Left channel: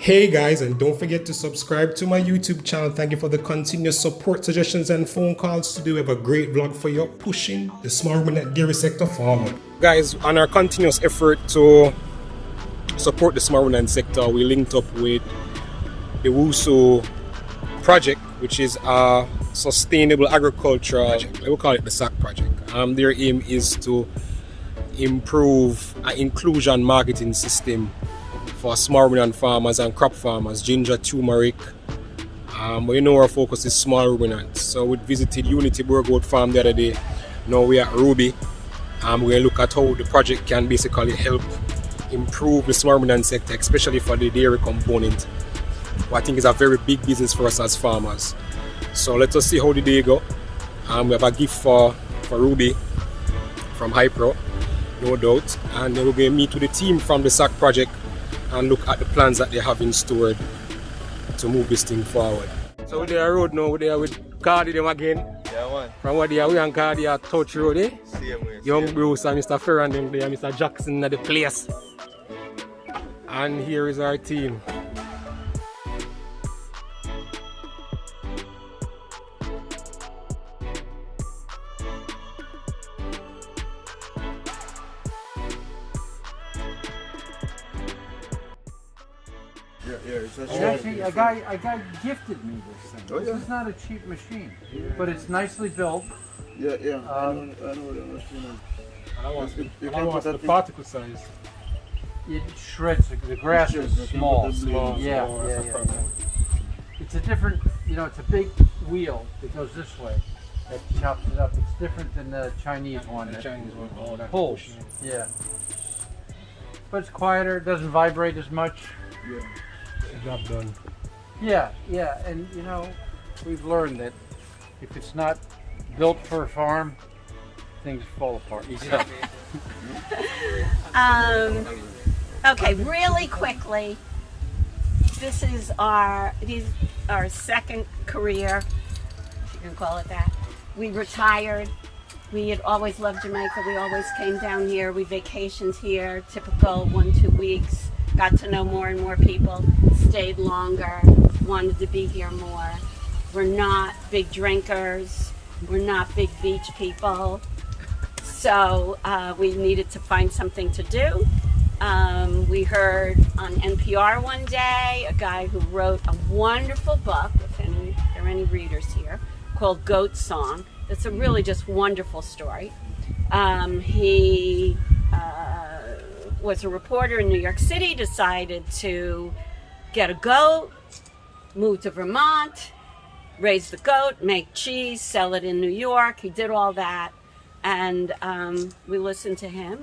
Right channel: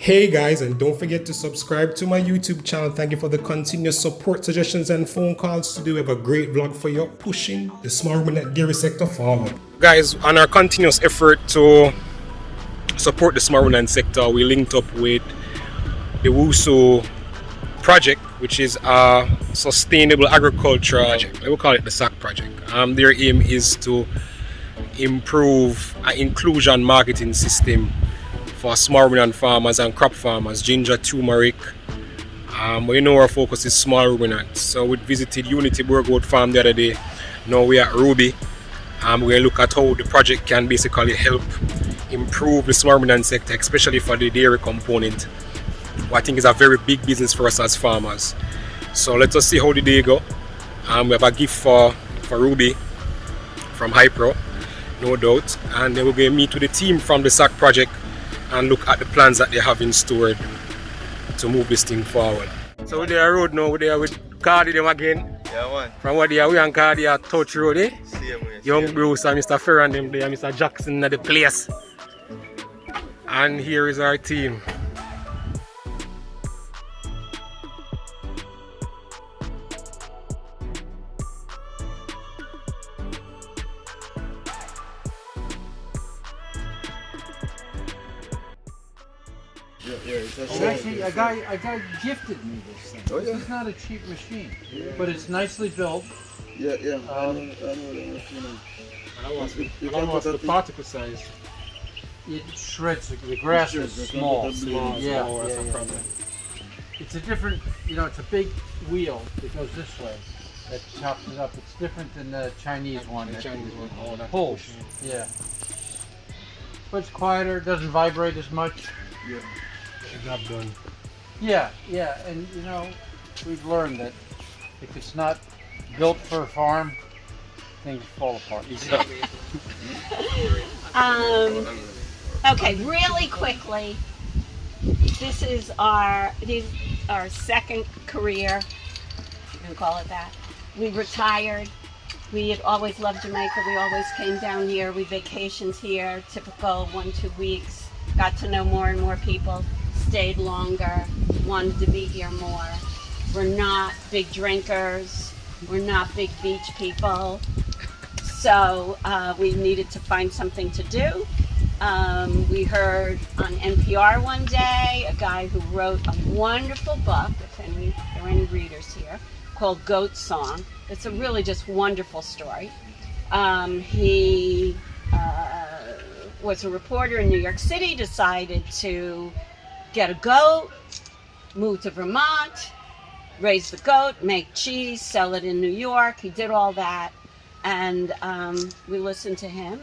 Hey guys, and don't forget to subscribe to my YouTube channel. Thank you for the continuous support, suggestions, and phone calls. Today we have a great vlog for you, pushing the small ruminant dairy sector forward. Guys, on our continuous effort to support the small ruminant sector, we linked up with the WUSO project, which is a sustainable agricultural project. We call it the SAC project. Their aim is to improve an inclusion marketing system for small ruminant farmers and crop farmers, ginger, turmeric. But you know our focus is small ruminants. So we visited Unity Burgoat Farm the other day. Now we are at Ruby. We're going to look at how the project can basically help improve the small ruminant sector, especially for the dairy component, what I think is a very big business for us as farmers. So let us see how the day go. We have a gift for Ruby from Hypro, no doubt. And then we're going to meet with the team from the SAC project and look at the plans that they have in store to move this thing forward. So we're there road now, we're there with Cardi them again. Yeah, man. From what they are, we and Cardi are touch road, eh? Same way. Young Bruce and Mr. Ferran them there, Mr. Jackson at the place. And here is our team. And actually, a guy gifted me this thing. Oh, yeah? This is not a cheap machine, but it's nicely built. Yeah. I know you can put the particle size. It shreds the grass is small. Small. Yeah. It's a different, it's a big wheel that goes this way that chops it up. It's different than the Chinese one. The Chinese one, all that pulls. Yeah. But it's quieter. Doesn't vibrate as much. Yeah. Job done. Yeah, and we've learned that if it's not built for a farm, things fall apart. Okay, really quickly, this is our second career, if you can call it that. We retired. We had always loved Jamaica. We always came down here. We vacationed here, typical 1-2 weeks. Got to know more and more people, stayed longer, wanted to be here more. We're not big drinkers, we're not big beach people, so we needed to find something to do. We heard on NPR one day a guy who wrote a wonderful book, if there are any readers here, called Goat Song. It's a really just wonderful story. He was a reporter in New York City, decided to get a goat, move to Vermont, raise the goat, make cheese, sell it in New York. He did all that, and we listened to him.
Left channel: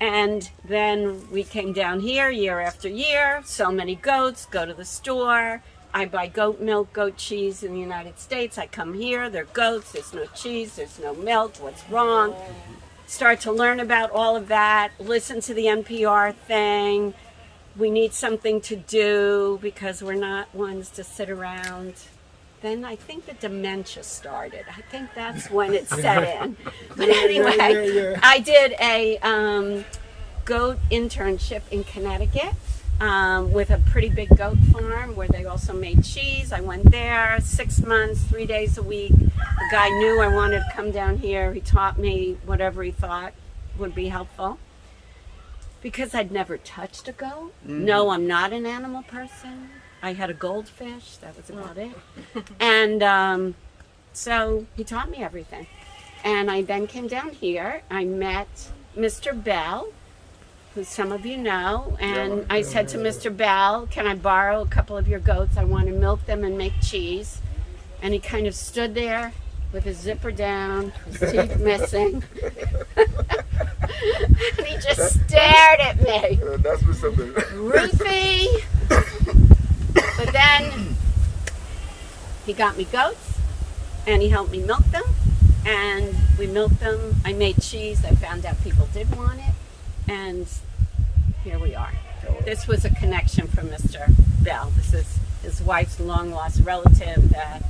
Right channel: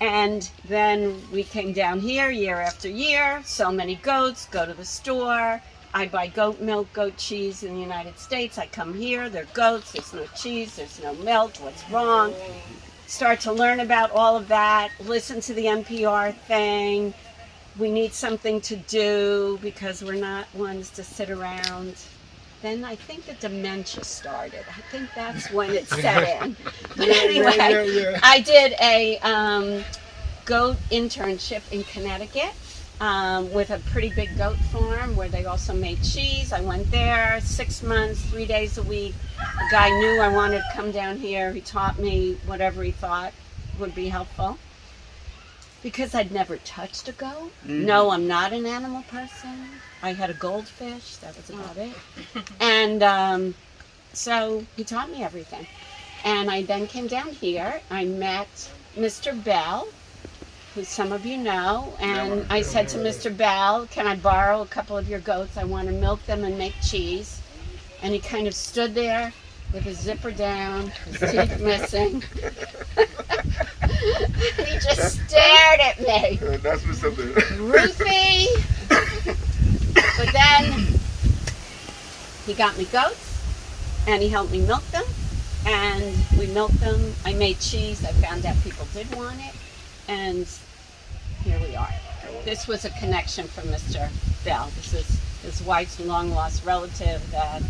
And then we came down here year after year, so many goats, go to the store. I buy goat milk, goat cheese in the United States. I come here, they're goats, there's no cheese, there's no milk, what's wrong? Start to learn about all of that, listen to the NPR thing. We need something to do because we're not ones to sit around. Then I think the dementia started. I think that's when it set in. But anyway, I did a goat internship in Connecticut with a pretty big goat farm where they also made cheese. I went there 6 months, 3 days a week. The guy knew I wanted to come down here. He taught me whatever he thought would be helpful. Because I'd never touched a goat. No, I'm not an animal person. I had a goldfish, that was about it. And so he taught me everything. And I then came down here. I met Mr. Bell, who some of you know, and I said to Mr. Bell, can I borrow a couple of your goats? I want to milk them and make cheese. And he kind of stood there with his zipper down, his teeth missing. And he just stared at me. That's Mr. Bell. Ruthie. But then he got me goats and he helped me milk them. And we milked them. I made cheese. I found out people did want it. And here we are. This was a connection from Mr. Bell. This is his wife's long lost relative that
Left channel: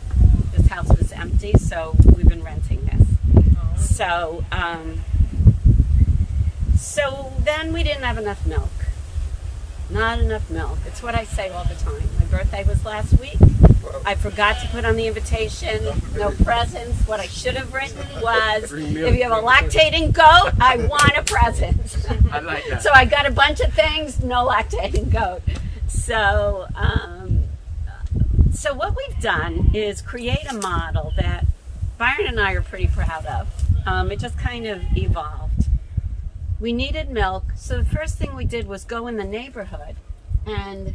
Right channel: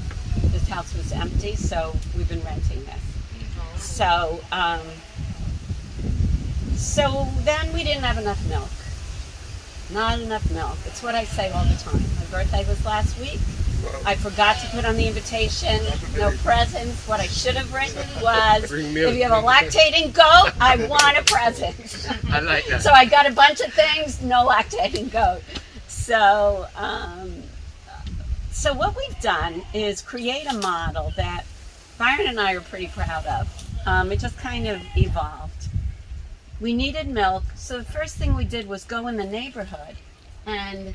this house was empty, so we've been renting this. So then we didn't have enough milk. Not enough milk. It's what I say all the time. My birthday was last week. I forgot to put on the invitation, no presents. What I should have written was, if you have a lactating goat, I want a present. I like that. So I got a bunch of things, no lactating goat. So, so what we've done is create a model that Byron and I are pretty proud of. It just kind of evolved. We needed milk, so the first thing we did was go in the neighborhood and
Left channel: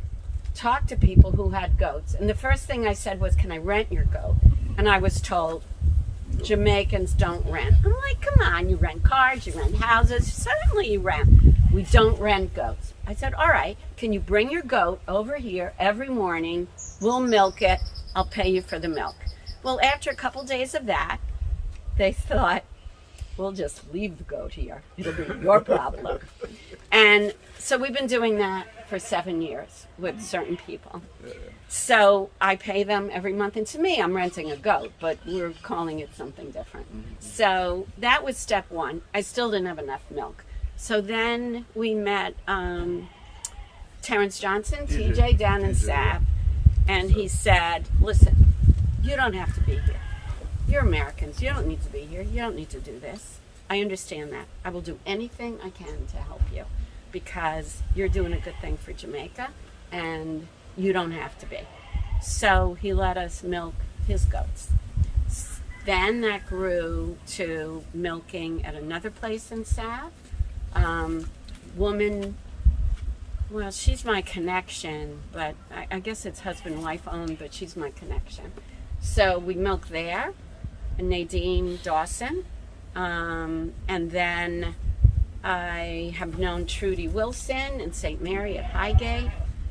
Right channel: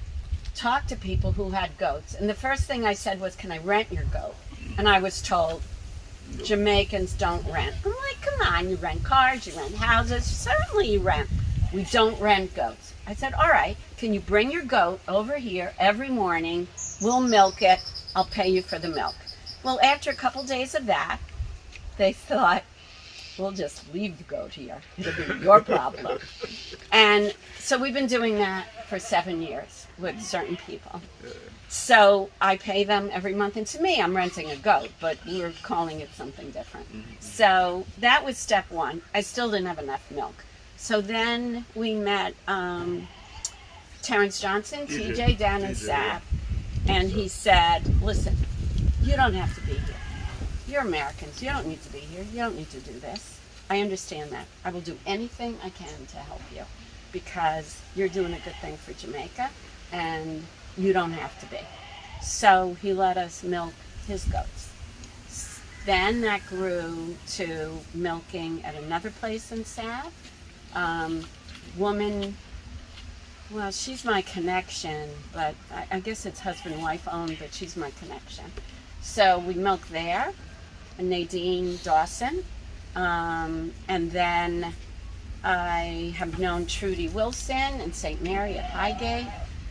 talk to people who had goats. And the first thing I said was, can I rent your goat? And I was told, Jamaicans don't rent. I'm like, come on, you rent cars, you rent houses, certainly you rent. We don't rent goats. I said, all right, can you bring your goat over here every morning? We'll milk it, I'll pay you for the milk. Well, after a couple days of that, they thought, we'll just leave the goat here. It'll be your problem. And so we've been doing that for 7 years with certain people. So I pay them every month. And to me, I'm renting a goat, but we're calling it something different. So that was step one. I still didn't have enough milk. So then we met Terrence Johnson, TJ, down in SAC. And he said, listen, you don't have to be here. You're Americans. You don't need to be here. You don't need to do this. I understand that. I will do anything I can to help you because you're doing a good thing for Jamaica and you don't have to be. So he let us milk his goats. Then that grew to milking at another place in Sav. Woman, well, she's my connection, but I guess it's husband-wife owned, but she's my connection. So we milk there. Nadine Dawson, and then I have known Trudy Wilson in St. Mary at Highgate,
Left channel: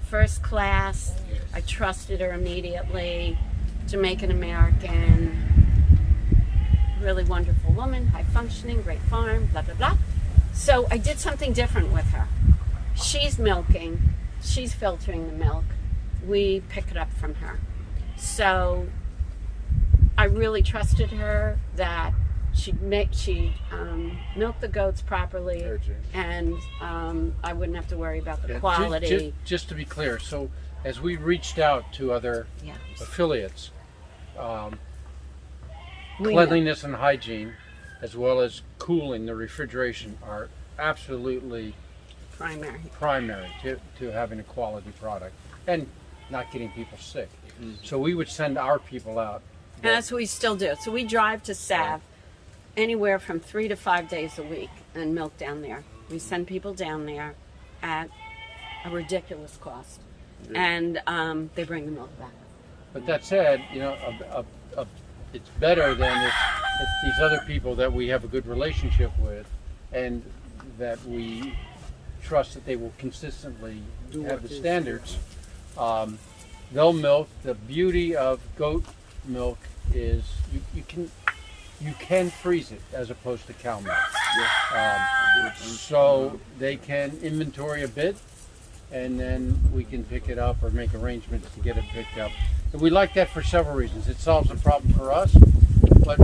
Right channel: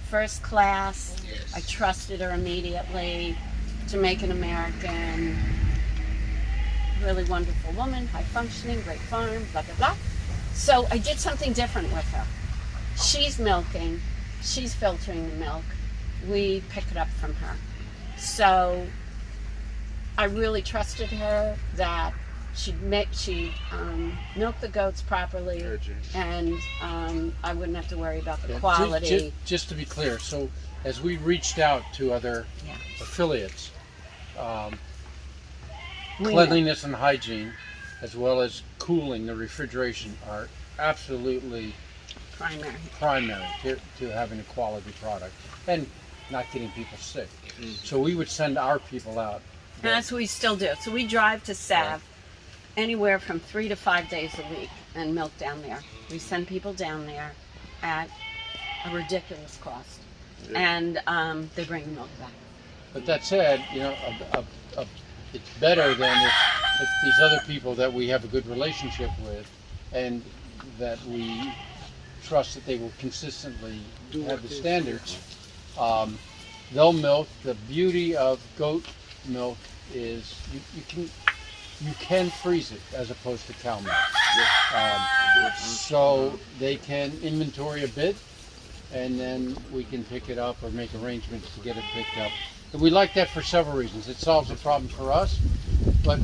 first class. I trusted her immediately. Jamaican American, really wonderful woman, high functioning, great farm, blah, blah, blah. So I did something different with her. She's milking, she's filtering the milk. We pick it up from her. So I really trusted her that she'd milk the goats properly, and I wouldn't have to worry about the quality. Just to be clear, so as we reached out to other affiliates, cleanliness and hygiene, as well as cooling, the refrigeration, are absolutely primary to having a quality product and not getting people sick. So we would send our people out. And that's what we still do. So we drive to Sav anywhere from 3 to 5 days a week and milk down there. We send people down there at a ridiculous cost. And they bring the milk back. But that said, you know, it's better than if these other people that we have a good relationship with and that we trust that they will consistently have the standards. They'll milk. The beauty of goat milk is you can freeze it as opposed to cow milk. So they can inventory a bit, and then we can pick it up or make arrangements to get it picked up. And we like that for several reasons. It solves a problem for us, but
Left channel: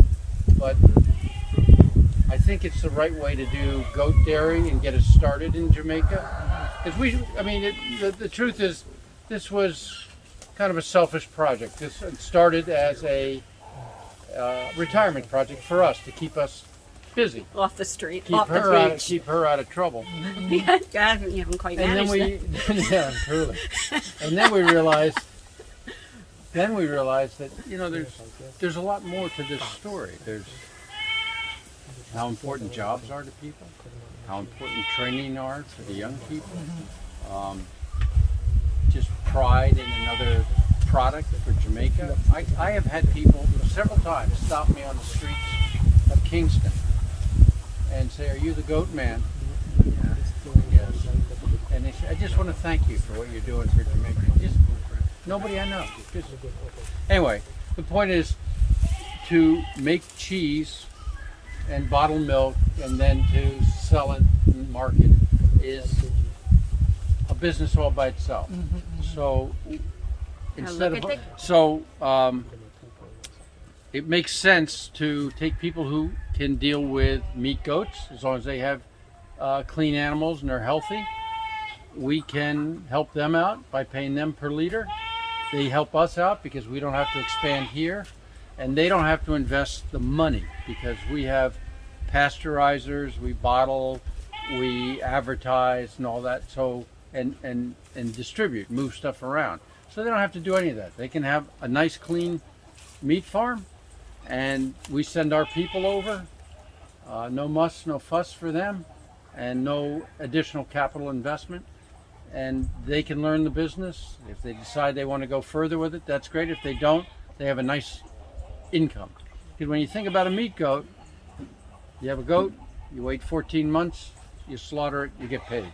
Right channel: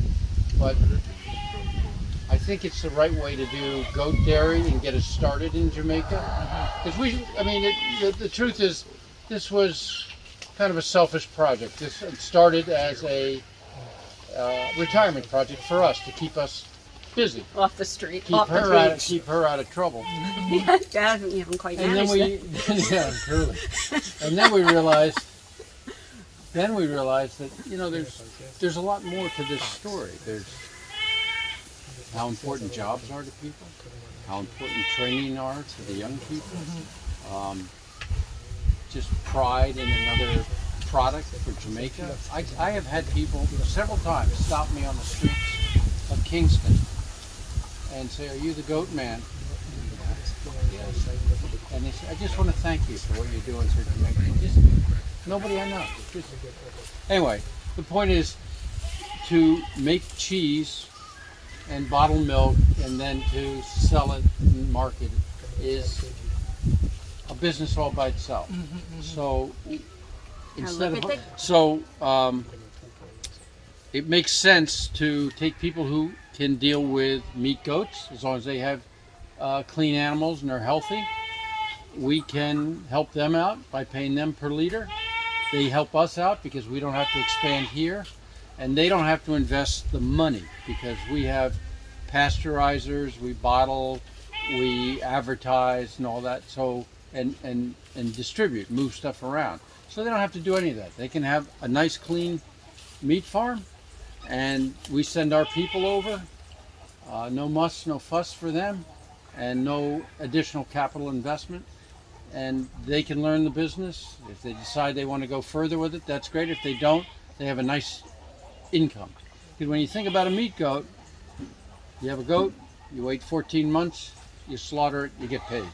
I think it's the right way to do goat dairy and get us started in Jamaica. Because the truth is, this was kind of a selfish project. This started as a retirement project for us to keep us busy, off the street, keep her out of trouble. You haven't quite managed it. Yeah, truly. And then we realized that there's a lot more to this story. There's how important jobs are to people, how important training are to the young people. Just pride in another product for Jamaica. I have had people several times stop me on the streets of Kingston and say, "Are you the goat man?" Yes. And they say, "I just want to thank you for what you're doing for Jamaica." Just nobody I know. Anyway, the point is to make cheese and bottle milk and then to sell it and market is a business all by itself. So instead of it makes sense to take people who can deal with meat goats as long as they have clean animals and they're healthy, we can help them out by paying them per liter. They help us out because we don't have to expand here, and they don't have to invest the money because we have pasteurizers, we bottle, we advertise and all that, so and distribute, move stuff around. So they don't have to do any of that. They can have a nice clean meat farm, and we send our people over. No muss, no fuss for them, and no additional capital investment. And they can learn the business. If they decide they want to go further with it, that's great. If they don't, they have a nice income. Because when you think about a meat goat, you have a goat, you wait 14 months, you slaughter it, you get paid.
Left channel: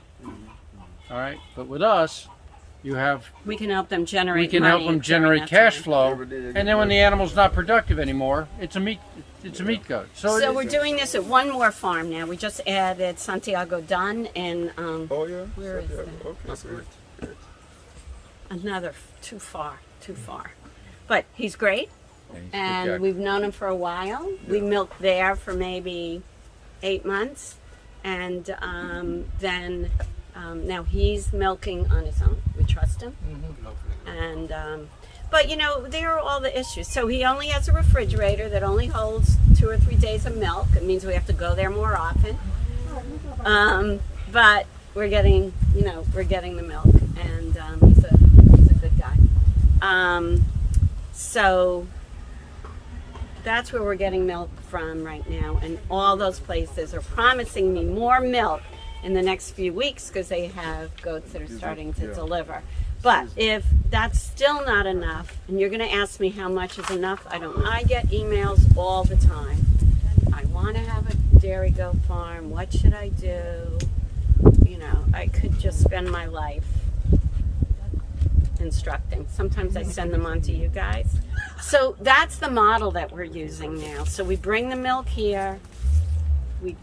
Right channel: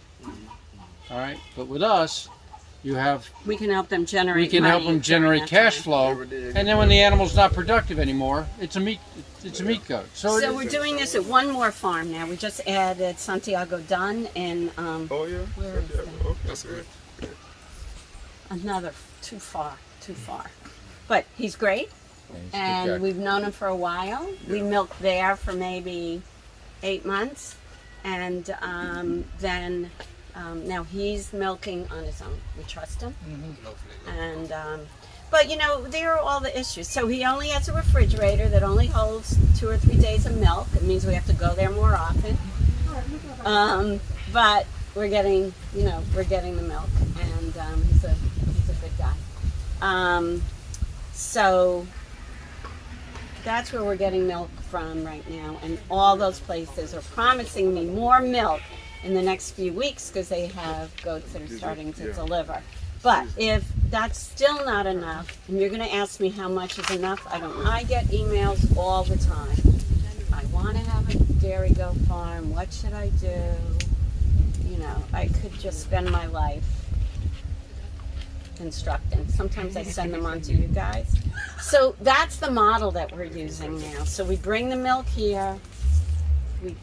All right? But with us, you have, We can help them generate. we can help money them generate during that cash time. flow, and then when the animal's not productive anymore, it's a meat goat. So, So we're doing this at one more farm now. We just added Santiago Dunn and Oh yeah. where is Yeah, that? okay, that's great. Another too far. But he's great, and we've known him for a while. We milked there for maybe 8 months, and then now he's milking on his own. We trust him, and but you know there are all the issues. So he only has a refrigerator that only holds 2 or 3 days of milk. It means we have to go there more often. But we're getting the milk, and he's a good guy. So that's where we're getting milk from right now, and all those places are promising me more milk in the next few weeks because they have goats that are starting to deliver. But if that's still not enough, and you're going to ask me how much is enough, I don't know. I get emails all the time. I want to have a dairy goat farm. What should I do? You know, I could just spend my life instructing. Sometimes I send them on to you guys. So that's the model that we're using now. So we bring the milk here, we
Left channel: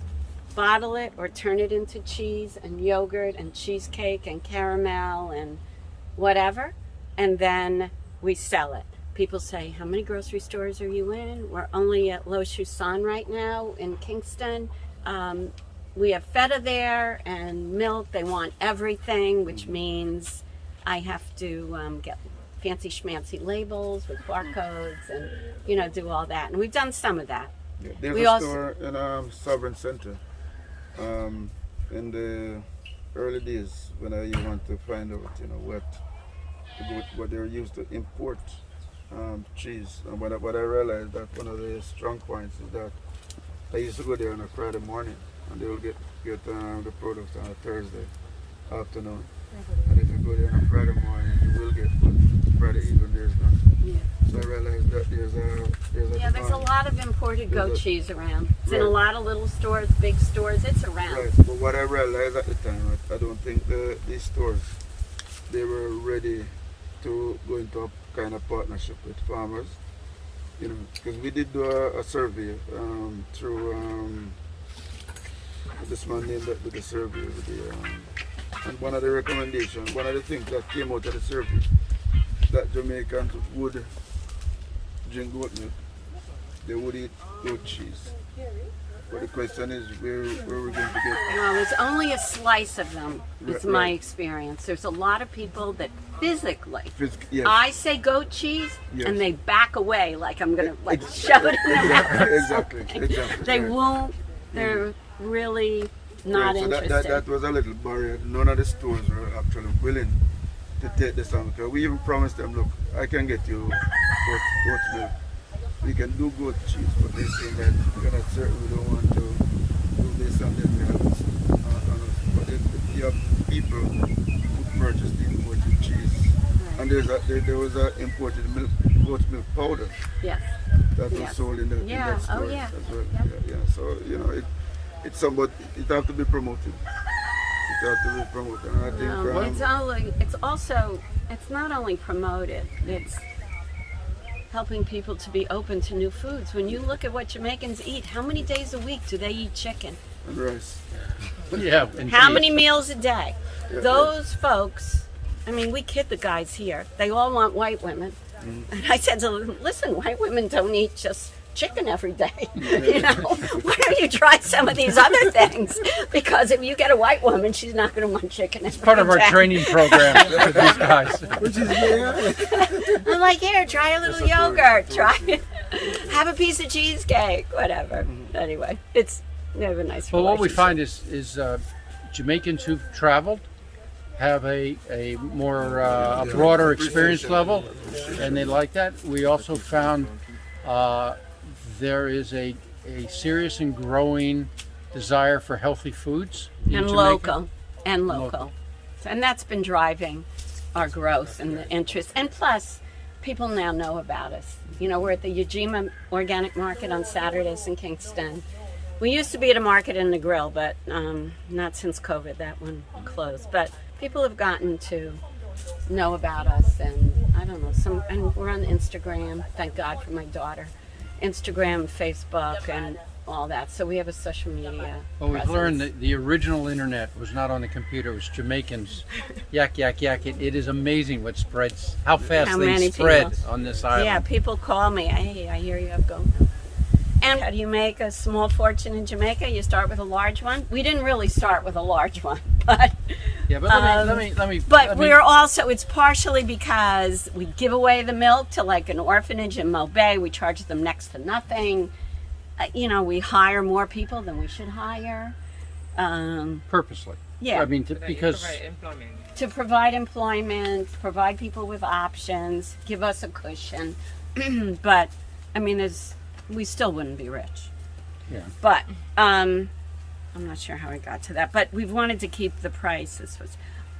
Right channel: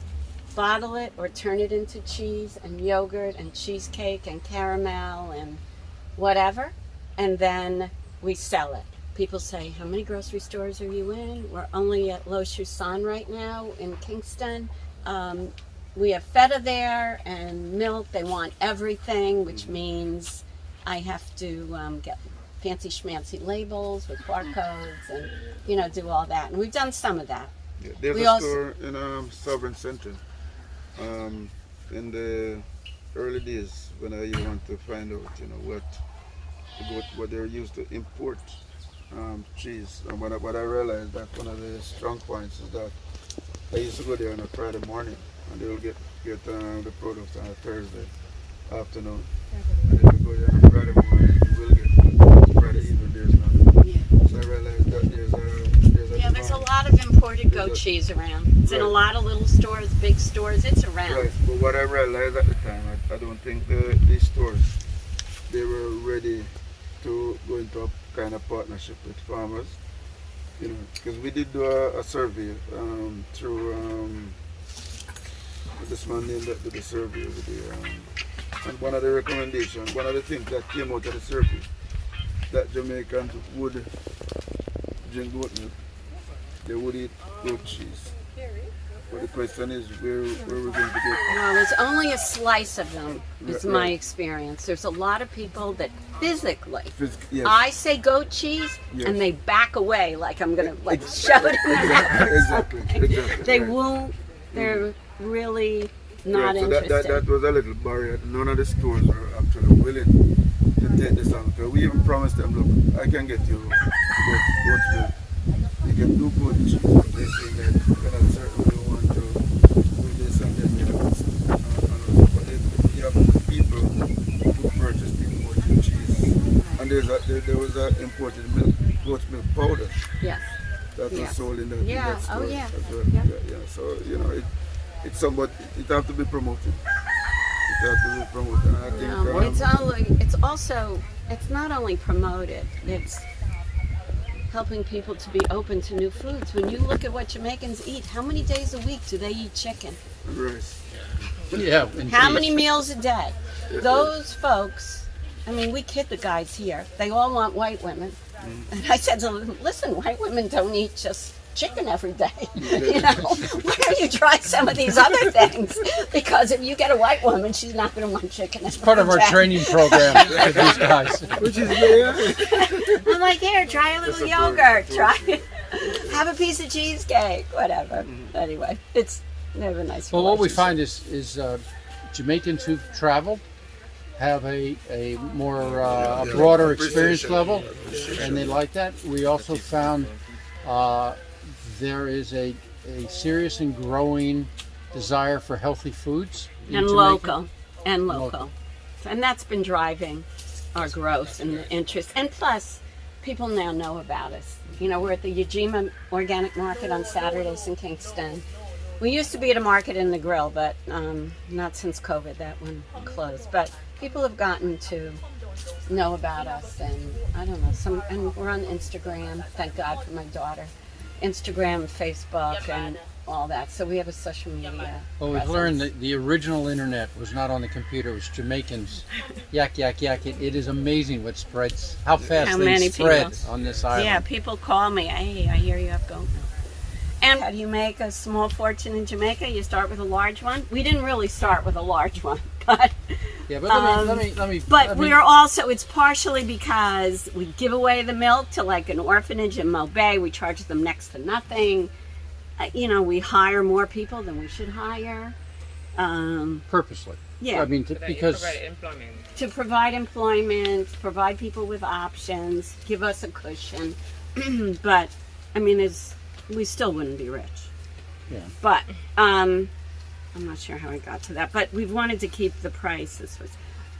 bottle it or turn it into cheese and yogurt and cheesecake and caramel and whatever, and then we sell it. People say, how many grocery stores are you in? We're only at Lo Chusan right now in Kingston. We have feta there and milk. They want everything, which means I have to get fancy schmancy labels with barcodes and, you know, do all that. And we've done some of that. Yeah, there's We a also- store in Sovereign Center. In the early days when I want to find out, you know, what they're used to import cheese. And what I realized that one of the strong points is that I used to go there on a Friday morning, and they will get the product on a Thursday afternoon. And if you go there on a Friday morning, you will get one. Friday evening, there's none. Yeah. So I realized that there's a Yeah, there's a demand. lot of imported There's goat a- cheese around. It's in a Right. lot of little stores, big stores. It's around. Right, but what I realized at the time, I don't think these stores, they were ready to go into a kind of partnership with farmers, you know, because we did do a survey through this man named that did the survey with and one of the recommendations, one of the things that came out of the survey, that Jamaicans would drink goat milk, they would eat goat cheese. But the question is, where we're going to get. No, there's only a slice of them, is Right, my right. experience. There's a lot of people that physically, Yes. I say goat cheese, Yes. and they back away like I'm going to shove it in their mouth. Exactly. They right. won't, they're really not Right, so interested. that was a little barrier. None of the stores were actually willing to take this on. Because we even promised them, look, I can get you goat milk. We can do goat cheese, but they say that we're not certain we don't want to do this and then we have this. But you have people who purchase the imported cheese. And there was a imported milk, goat milk powder Yes. that was Yes. sold in that Yeah. store Oh, yeah. as well. Yeah. Yeah. So, you know, it's somewhat, it have to be promoted. It have to be promoted. And I think It's not only promoted, it's helping people to be open to new foods. When you look at what Jamaicans eat, how many days a week do they eat chicken? rice. yeah. How indeed. many meals a day? Those folks, I mean, we kid the guys here. They all want white women. And I said to them, listen, white women don't eat just chicken every day. You know, why don't you try some of these other things? Because if you get a white woman, she's not going to want chicken every day. It's part of our training program with these guys. Which is, yeah. I'm like, here, try a little yogurt. Have a piece of cheesecake, whatever. Anyway, they have a nice Well, what we relationship. find is Jamaicans who've traveled have a more a broader experience level, and they like that. We also found there is a serious and growing desire for healthy foods in and Jamaica. local, and that's been driving our growth and the interest. And plus, people now know about us. You know, we're at the Ujima Organic Market on Saturdays in Kingston. We used to be at a market in the grill, but not since COVID. That one closed. But people have gotten to know about us, and I don't know. And we're on Instagram. Thank God for my daughter. Instagram, Facebook, and all that. So we have a social media. Well, we've presence. learned that the original internet was not on the computer; it was Jamaicans. Yak, yak, yak. It is amazing what spreads, how fast How many things spread people. on this island. Yeah, people call me. Hey, I hear you have GoPro. And how do you make a small fortune in Jamaica? You start with a large one. We didn't really start with a large one, but Yeah, but let me. but we're also, it's partially because we give away the milk to like an orphanage in Mo Bay. We charge them next to nothing. You know, we hire more people than we should hire. purposely. Yeah. I mean, because To provide employment, provide people with options, give us a cushion. But, I mean, we still wouldn't be rich. yeah. But I'm not sure how I got to that. But we've wanted to keep the price.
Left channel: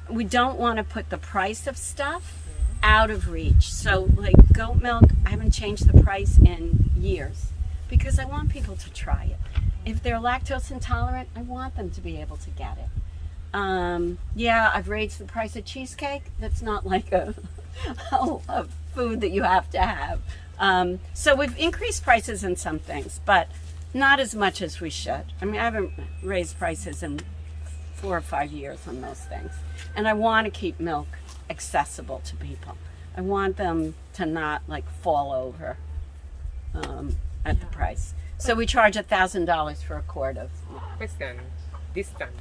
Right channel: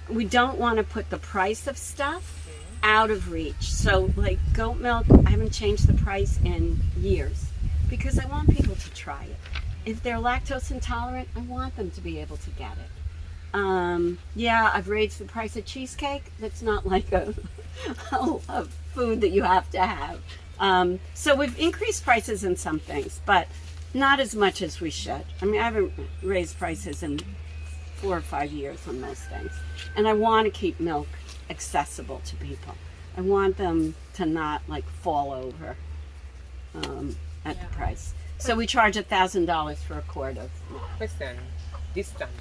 We don't want to put the price of stuff out of reach. So, like goat milk, I haven't changed the price in years because I want people to try it. If they're lactose intolerant, I want them to be able to get it. Yeah, I've raised the price of cheesecake. That's not like a food that you have to have. So we've increased prices in some things, but not as much as we should. I mean, I haven't raised prices in 4 or 5 years on most things. And I want to keep milk accessible to people. I want them to not like fall over at the price. So we charge $1,000 for a quart of milk. Question. Distant.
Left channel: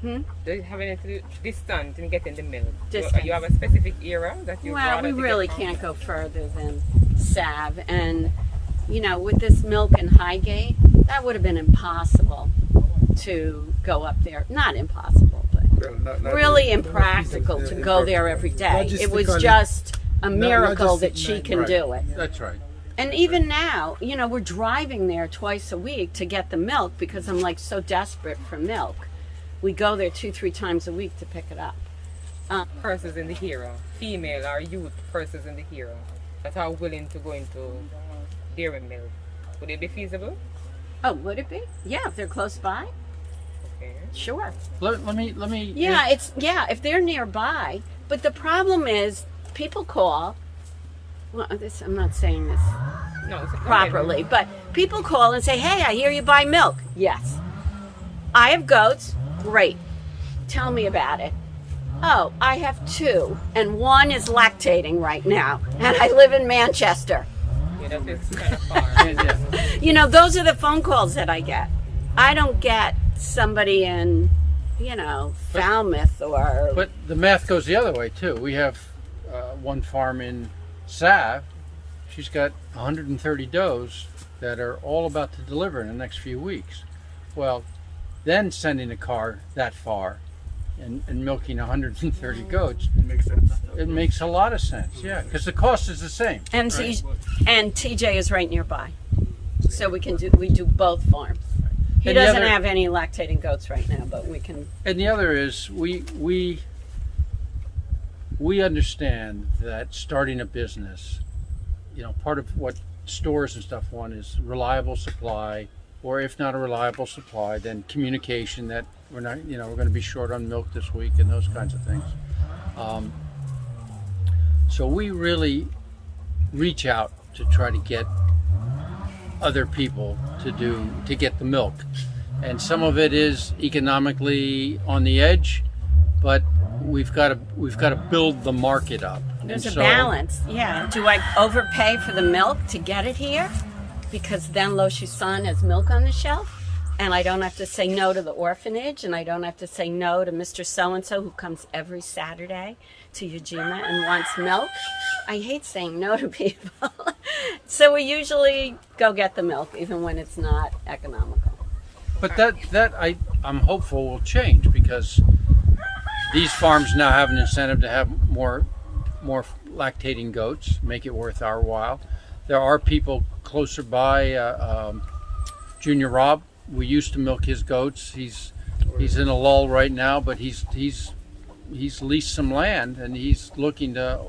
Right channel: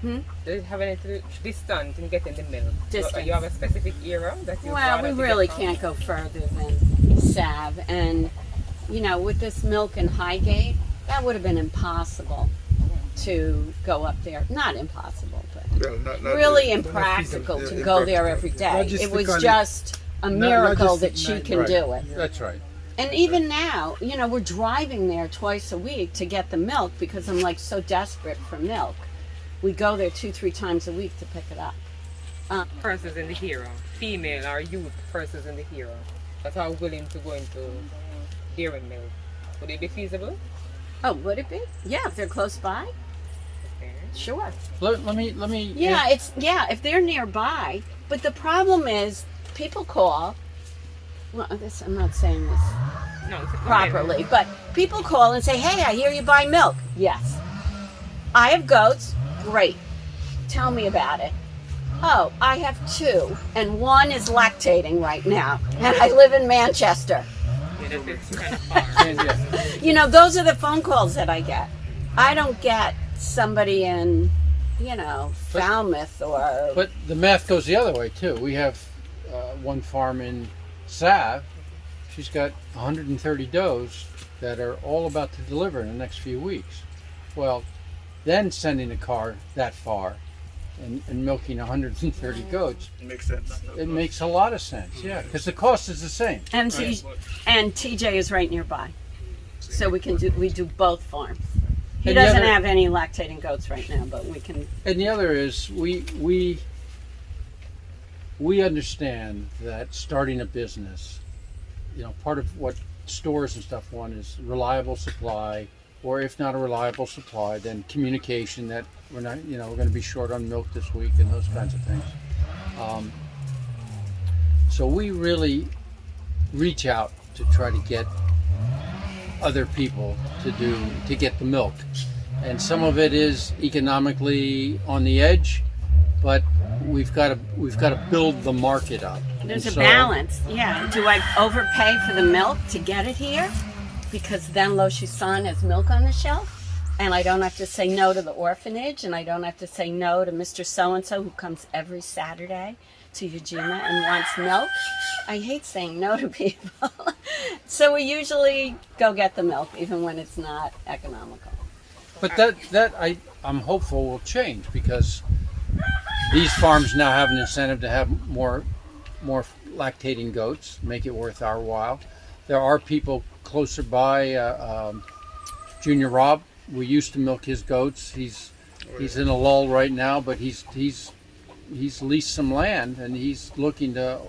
Hmm? Do you have any distant in getting the milk? Distance. You have a specific era that you Well, rather we to really get from? can't go further than Sav. And, you know, with this milk in Highgate, that would have been impossible to go up there. Not impossible, but Not really not impractical to feasible. go there every day. It was Logistically- just a miracle that she logistically, can right. do it. That's right. And even now, you know, we're driving there twice a week to get the milk because I'm like so desperate for milk. We go there 2-3 times a week to pick it up. Persons in the hero, female or youth persons in the hero that are willing to go into dairy milk. Would it be feasible? Oh, would it be? Yeah, if they're close by. Okay. Sure. Let me. Yeah, if they're nearby. But the problem is, people call. Well, I'm not saying this No, it's a properly, but people call and say, "Hey, I hear you buy milk." Yes. I have goats. Great. Tell me about it. Oh, I have 2, and 1 is lactating right now, and I live in Manchester. Yeah, that is kind of far. You know, those are the phone calls that I get. I don't get somebody in, you know, Falmouth or. But the math goes the other way too. We have one farm in Sav. She's got 130 does that are all about to deliver in the next few weeks. Well, then sending a car that far and milking 130 goats, Makes sense. it makes a lot of sense. Yeah, because the cost is the same. And TJ is right nearby, so we do both farms. He And the doesn't other- have any lactating goats right now, but we can. And the other is we understand that starting a business, you know, part of what stores and stuff want is reliable supply, or if not a reliable supply, then communication that we're not, you know, we're going to be short on milk this week and those kinds of things. So we really reach out to try to get other people to get the milk, and some of it is economically on the edge, but we've got to build the market up. There's And a so- balance. Yeah. Do I overpay for the milk to get it here? because then Lo Chusan has milk on the shelf. And I don't have to say no to the orphanage, and I don't have to say no to Mr. So-and-so who comes every Saturday to Ujima and wants milk. I hate saying no to people. So we usually go get the milk, even when it's not economical. But I'm hopeful will change, because these farms now have an incentive to have more lactating goats, make it worth our while. There are people closer by, Junior Rob. We used to milk his goats. He's in a lull right now, but he's leased some land and he's looking to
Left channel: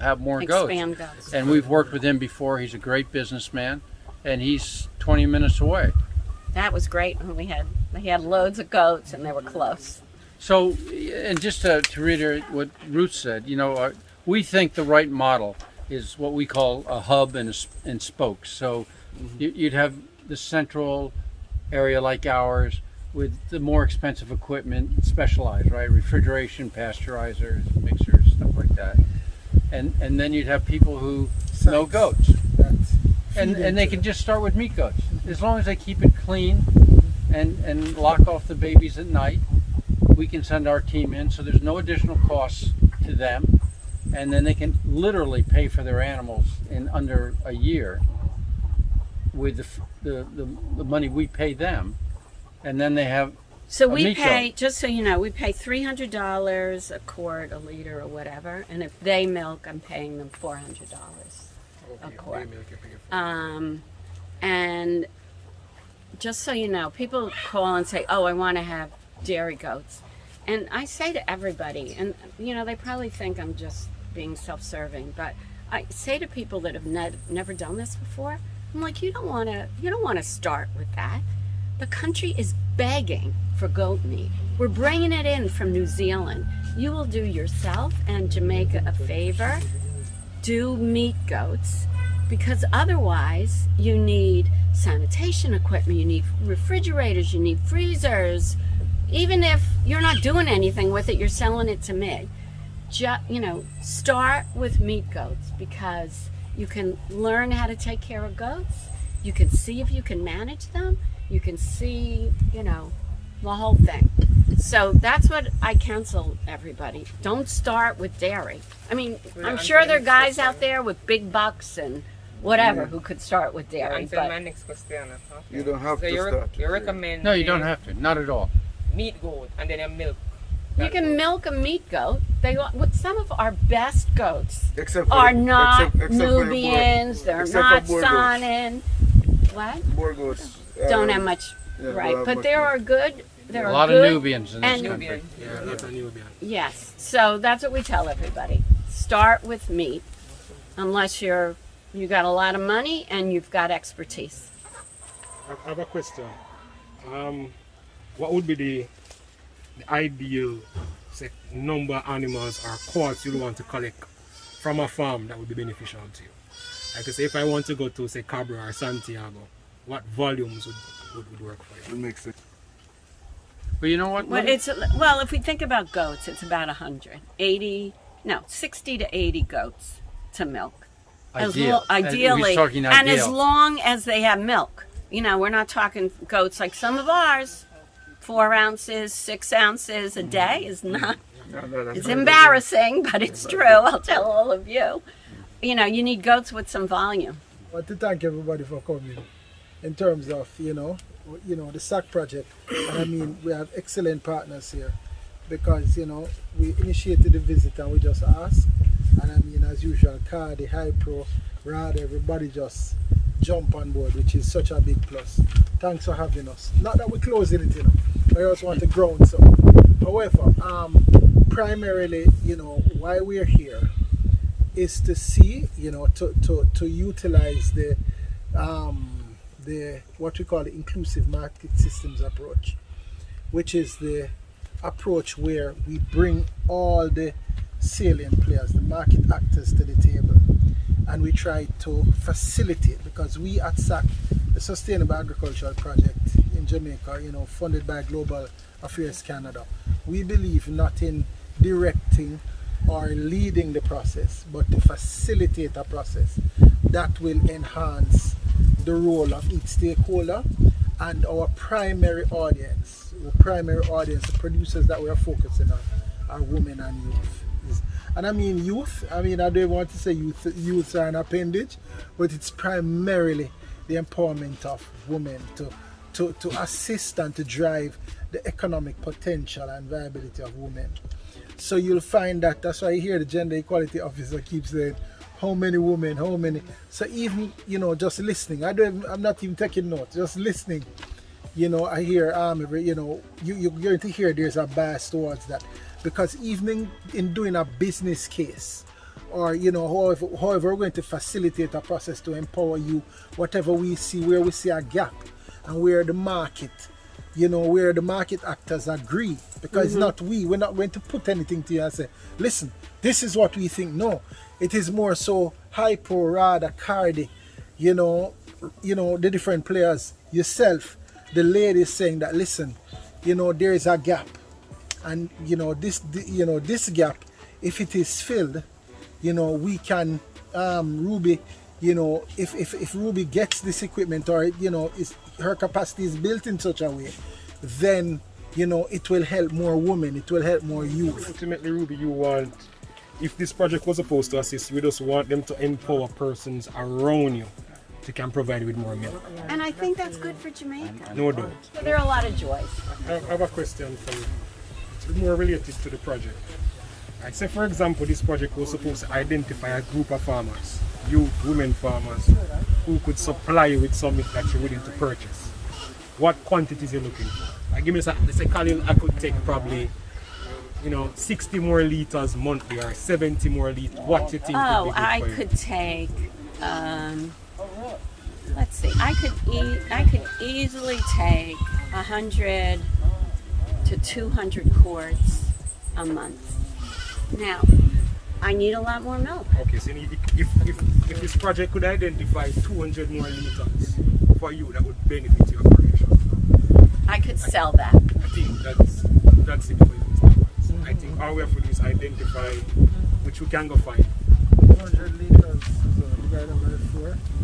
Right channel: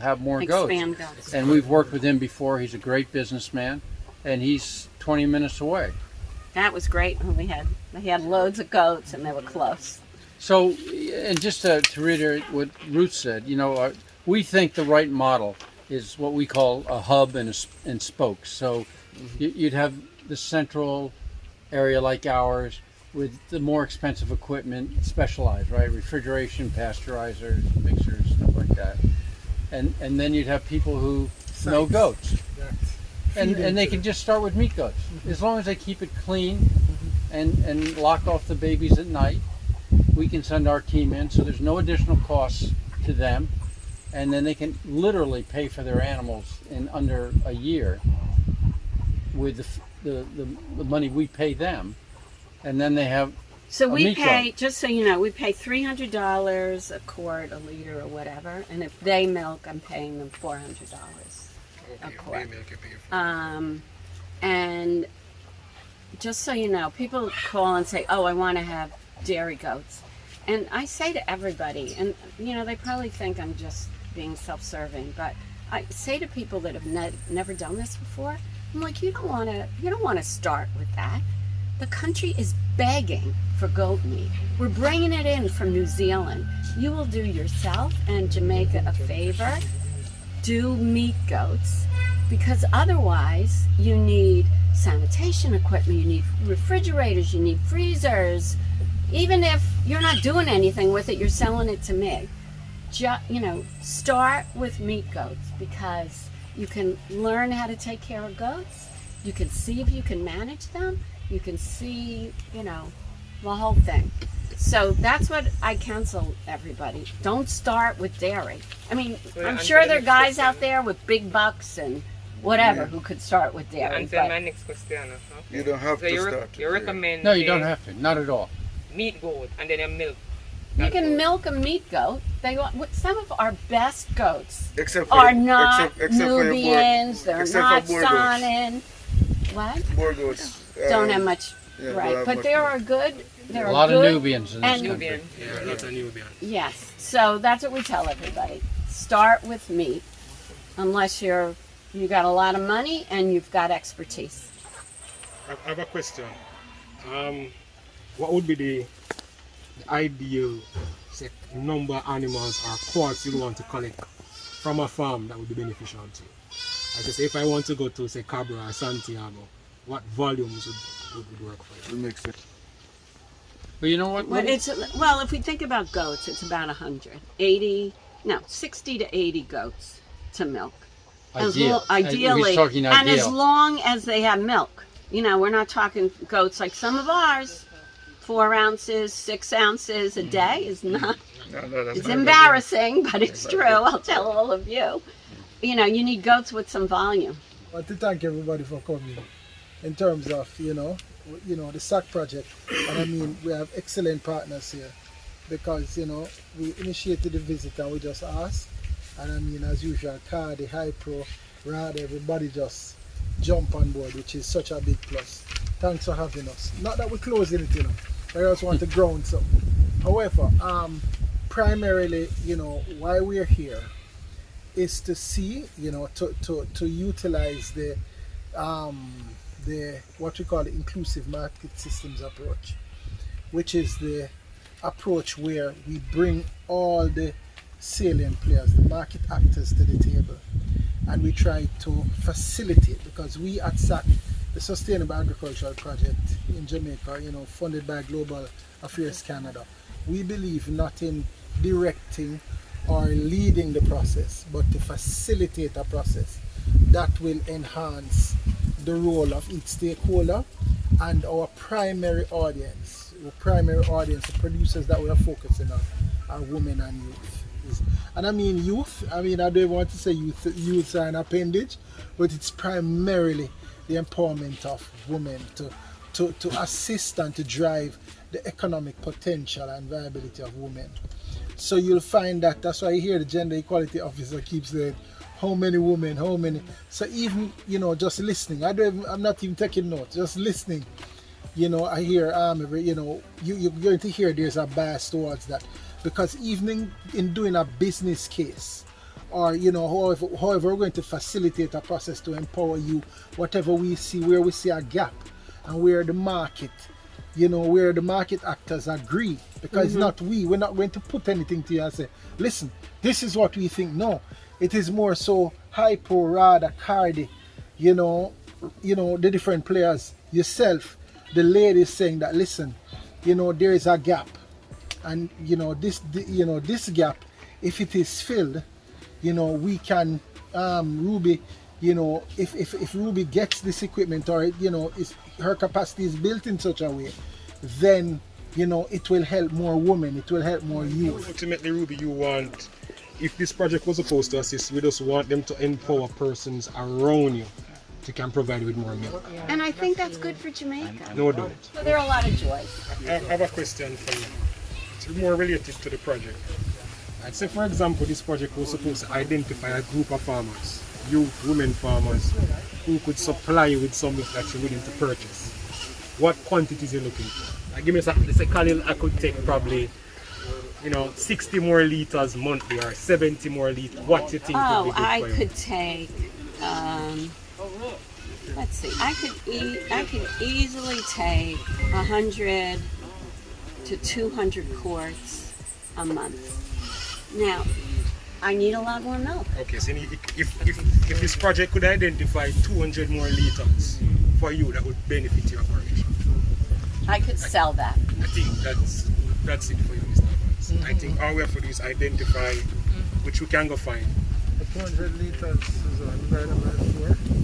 have more Expand goats. goats. And we've worked with him before. He's a great businessman, and he's 20 minutes away. That was great when we had loads of goats and they were close. So, and just to reiterate what Ruth said, we think the right model is what we call a hub and spokes. So you'd have the central area like ours with the more expensive equipment, specialized, right? Refrigeration, pasteurizers, mixers, stuff like that. And then you'd have people who know goats. And they can just start with meat goats. As long as they keep it clean and lock off the babies at night, we can send our team in, so there's no additional costs to them. And then they can literally pay for their animals in under a year with the money we pay them, and then they have. So we pay, just so you know, we pay $300 a quart, a liter, or whatever, and if they milk, I'm paying them $400 a quart. And just so you know, people call and say, "Oh, I want to have dairy goats," and I say to everybody, and they probably think I'm just being self-serving, but I say to people that have never done this before, I'm like, you don't want to start with that. The country is begging for goat meat. We're bringing it in from New Zealand. You will do yourself and Jamaica a favor. Do meat goats, because otherwise you need sanitation equipment, you need refrigerators, you need freezers. Even if you're not doing anything with it, you're selling it to me. Start with meat goats, because you can learn how to take care of goats. You can see if you can manage them. You can see, the whole thing. So that's what I counsel everybody. Don't start with dairy. I mean, I'm sure there are guys out there with big bucks and whatever who could start with dairy. Answer my next question. Okay. You don't have to start. You recommend? No, you don't have to. Not at all. Meat goat and then a milk. You can milk a meat goat. Some of our best goats Except are not except Nubians. They're except not for Boer goats. Sanin. What? Boer goats Don't have much, don't right? have But much there milk. are good. There A are lot of good, Nubians in this and- country. Nubian. Yeah, not a Nubian. Yes. So that's what we tell everybody. Start with meat, unless you got a lot of money and you've got expertise. I have a question. What would be the ideal number of animals or quarts you want to collect from a farm that would be beneficial to you? Like I say, if I want to go to, say, Cabra or Santiago, what volumes would work for you? It makes sense. But you know what? Well, if we think about goats, it's about 60 to 80 goats to milk. Ideally, We're talking and as ideal. long as they have milk. We're not talking goats like some of ours. 4 ounces, 6 ounces a day is not. It's embarrassing, but it's true. I'll tell all of you. You need goats with some volume. I want to thank everybody for coming in terms of, the SAC project. And I mean, we have excellent partners here because, we initiated the visit and we just asked. And I mean, as usual, Cardi, High Pro, Rad, everybody just jump on board, which is such a big plus. Thanks for having us. Not that we're closing it, but I just want to ground something. However, primarily, why we're here is to see, to utilize the what we call the inclusive market systems approach, which is the approach where we bring all the salient players, the market actors to the table, and we try to facilitate, because we at SAC, the Sustainable Agricultural Project in Jamaica, funded by Global Affairs Canada, we believe not in directing or leading the process, but to facilitate a process that will enhance the role of each stakeholder and our primary audience. Our primary audience, the producers that we are focusing on, are women and youth. And I mean youth, I don't want to say youth are an appendage, but it's primarily the empowerment of women to assist and to drive the economic potential and viability of women. So you'll find that's why you hear the gender equality officer keeps saying, how many women, how many. So even, just listening, I'm not even taking notes, just listening, I hear, you're going to hear there's a bias towards that. Because even in doing a business case, or however we're going to facilitate a process to empower you, whatever we see, where we see a gap and where the market, where the market actors agree, because it's not we're not going to put anything to you and say, listen, this is what we think. No, it is more so hypo, rada, cardi, the different players, yourself, the ladies saying that, listen, there is a gap. And this gap, if it is filled, we can Ruby, if Ruby gets this equipment, or her capacity is built in such a way, then it will help more women, it will help more youth. Ultimately, Ruby, you want, if this project was supposed to assist, we just want them to empower persons around you to can provide with more milk. And I think that's good for Jamaica. No doubt. So there are a lot of joys. I have a question for you. It's more related to the project. Like, say for example, this project was supposed to identify a group of farmers, youth, women farmers, who could supply you with something that you're willing to purchase. What quantities are you looking for? Like, give me a Khalil, I could take probably 60 more liters monthly or 70 more liters. What do you think would be good I for you? could take, let's see, I could easily take 100 to 200 quarts a month. Now, I need a lot more milk. Okay, so if this project could identify 200 more liters for you, that would benefit your operation. I could sell that. I think that's it for you, Mr. Evans. I think all we have to do is identify which we can go find. 200 liters is divided by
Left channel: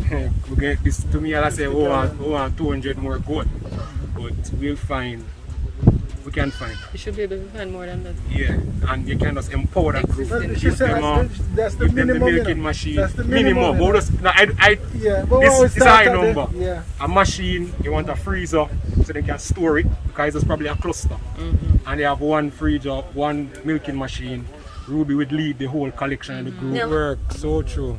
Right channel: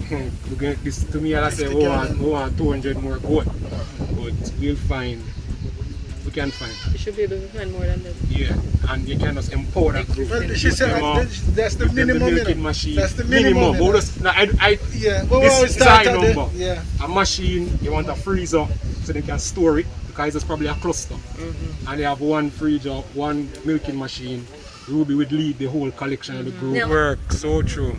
4. We get this to me, I'll say, we want 200 more goat, but we'll find. We can find. You should be able to find more than that. Yeah, and you can just empower that group. Well, she said that's the give them minimum. the milking machine. That's the minimum. But just, no, Yeah, but this is a high number. Yeah. A machine, you want a freezer so they can store it, because it's probably a cluster. And they have one freezer, one milking machine. Ruby would lead the whole collection of the group. Yeah. Work so true.